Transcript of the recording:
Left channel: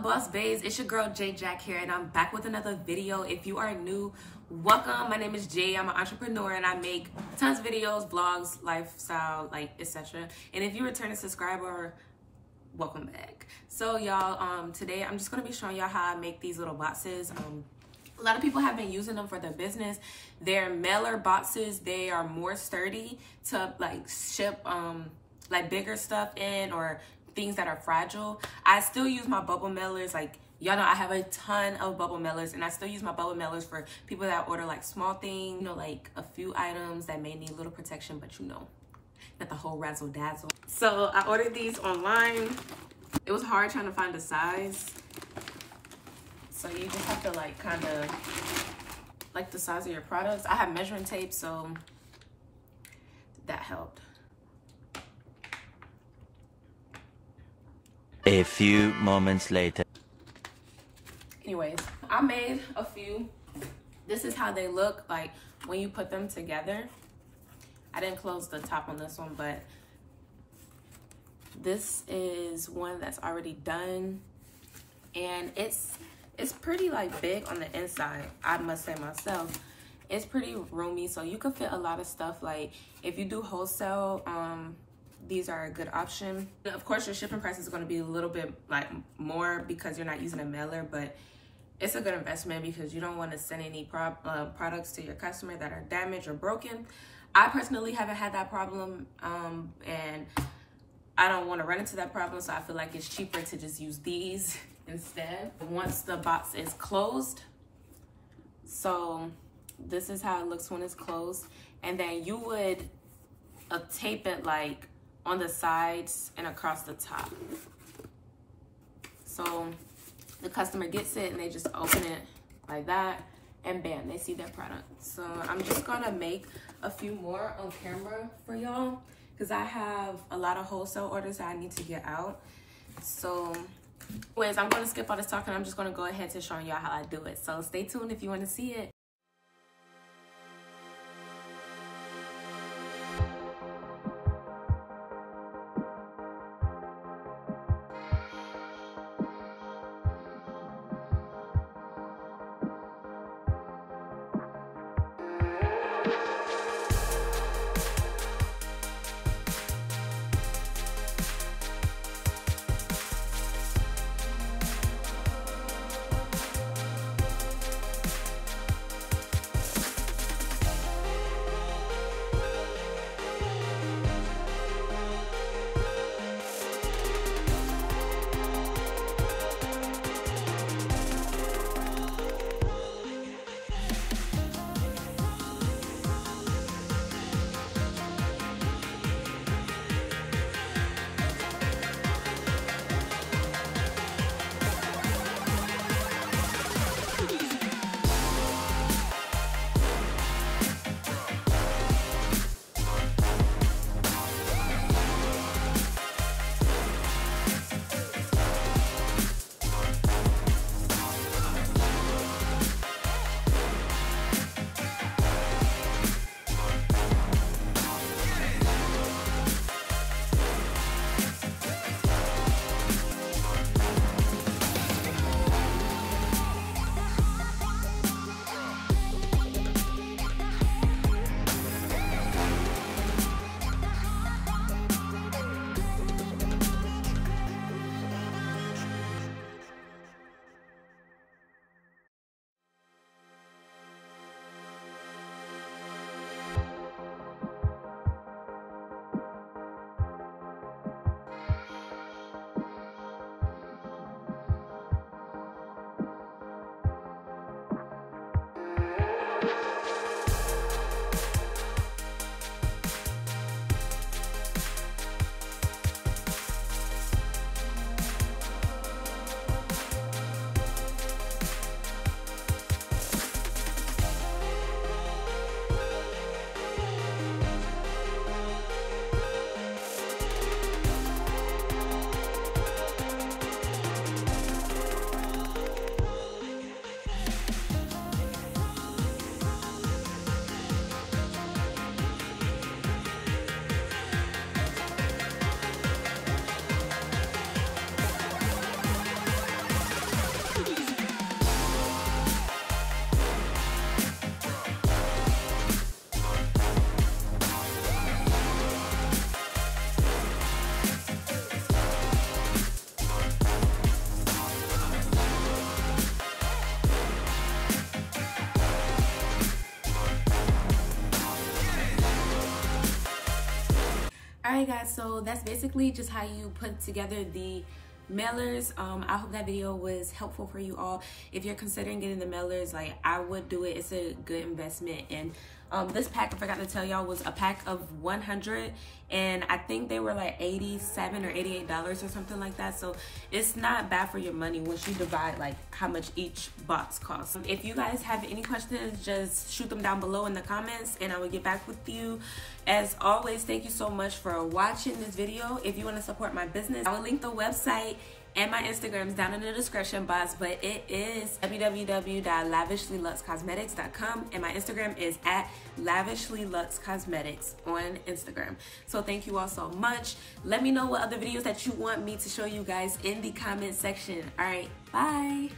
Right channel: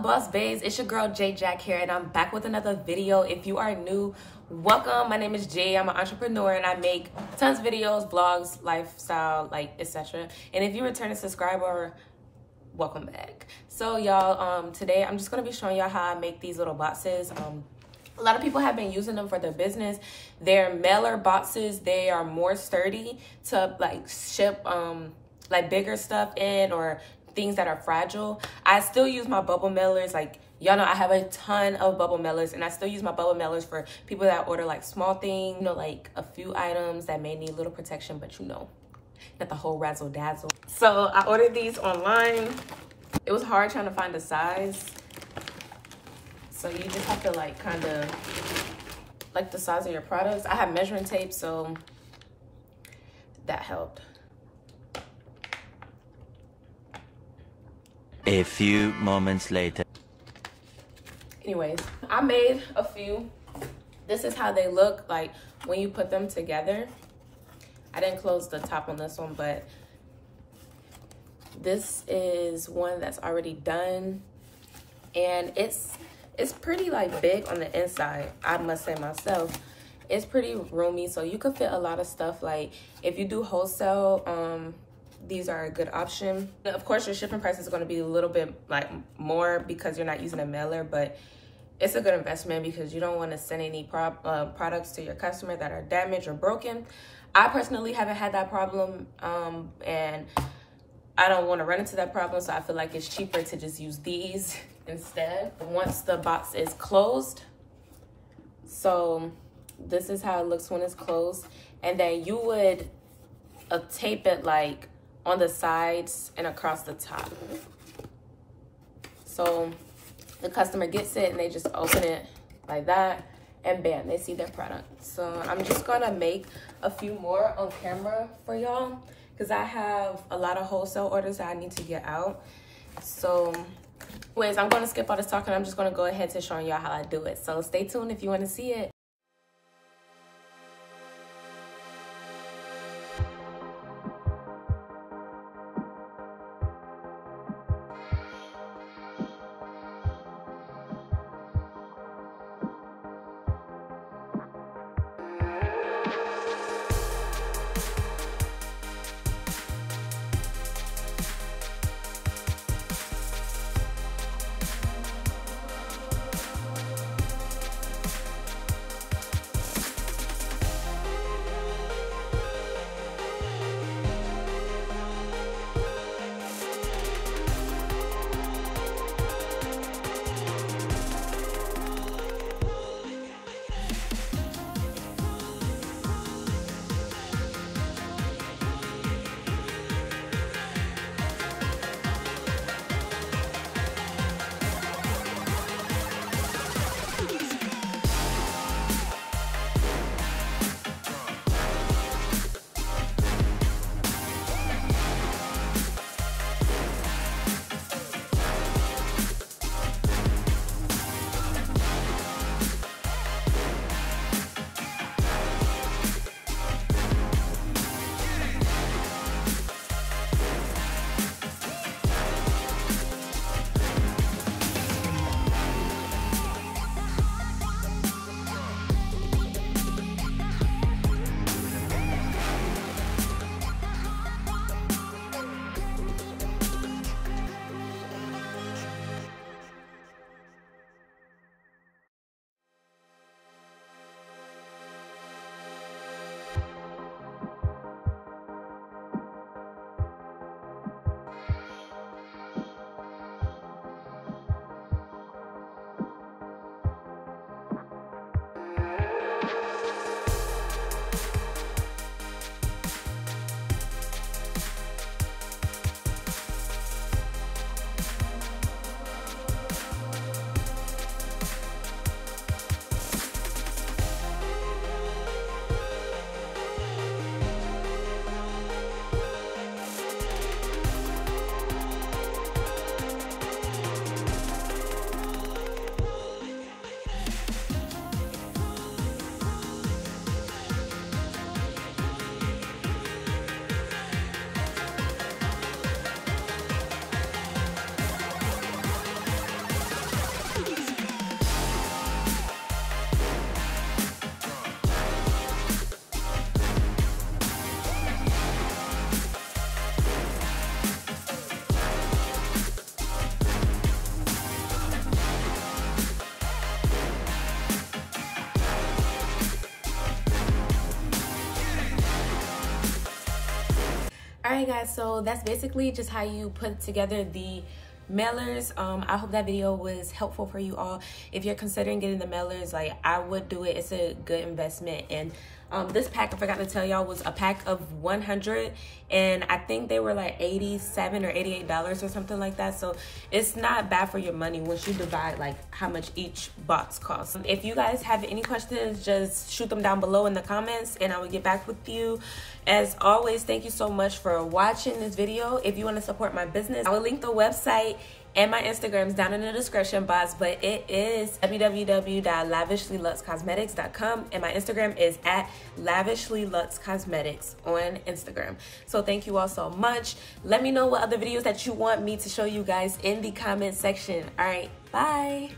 up, boss babes? It's your girl J Jack here, and I'm back with another video. If you are new, welcome. My name is Jay. I'm an entrepreneur and I make tons of videos, vlogs, lifestyle, like etc. And if you're a returning subscriber, welcome back. So y'all, today I'm just gonna be showing y'all how I make these little boxes. A lot of people have been using them for their business. They're mailer boxes. They are more sturdy to like ship like bigger stuff in or things that are fragile. I still use my bubble mailers. Like y'all know I have a ton of bubble mailers, and I still use my bubble mailers for people that order like small things, you know, like a few items that may need a little protection, but you know, not the whole razzle dazzle. So I ordered these online. It was hard trying to find the size. So you just have to like kind of like the size of your products. I have measuring tape, so that helped. A few moments later. Anyways, I made a few. This is how they look like when you put them together. I didn't close the top on this one, but this is one that's already done, and it's pretty like big on the inside. I must say myself, it's pretty roomy, so you could fit a lot of stuff. Like if you do wholesale, these are a good option. Of course, your shipping price is going to be a little bit like more because you're not using a mailer, but it's a good investment because you don't want to send any products to your customer that are damaged or broken. I personally haven't had that problem, and I don't want to run into that problem, so I feel like it's cheaper to just use these instead. Once the box is closed, so this is how it looks when it's closed, and then you would tape it like on the sides and across the top. So the customer gets it and they just open it like that, and bam, they see their product. So I'm just gonna make a few more on camera for y'all because I have a lot of wholesale orders that I need to get out. So anyways, I'm gonna skip all this talking. I'm just gonna go ahead to showing y'all how I do it. So stay tuned if you want to see it. All right, guys, so that's basically just how you put together the mailers. I hope that video was helpful for you all. If you're considering getting the mailers, like, I would do it. It's a good investment. And this pack, I forgot to tell y'all, was a pack of 100, and I think they were like $87 or $88 or something like that. So it's not bad for your money once you divide like how much each box costs. If you guys have any questions, just shoot them down below in the comments and I will get back with you. As always, thank you so much for watching this video. If you want to support my business, I will link the website and my Instagram's down in the description box, but it is www.lavishlyluxecosmetics.com, and my Instagram is at lavishlyluxecosmetics on Instagram. So thank you all so much. Let me know what other videos that you want me to show you guys in the comment section. All right, bye.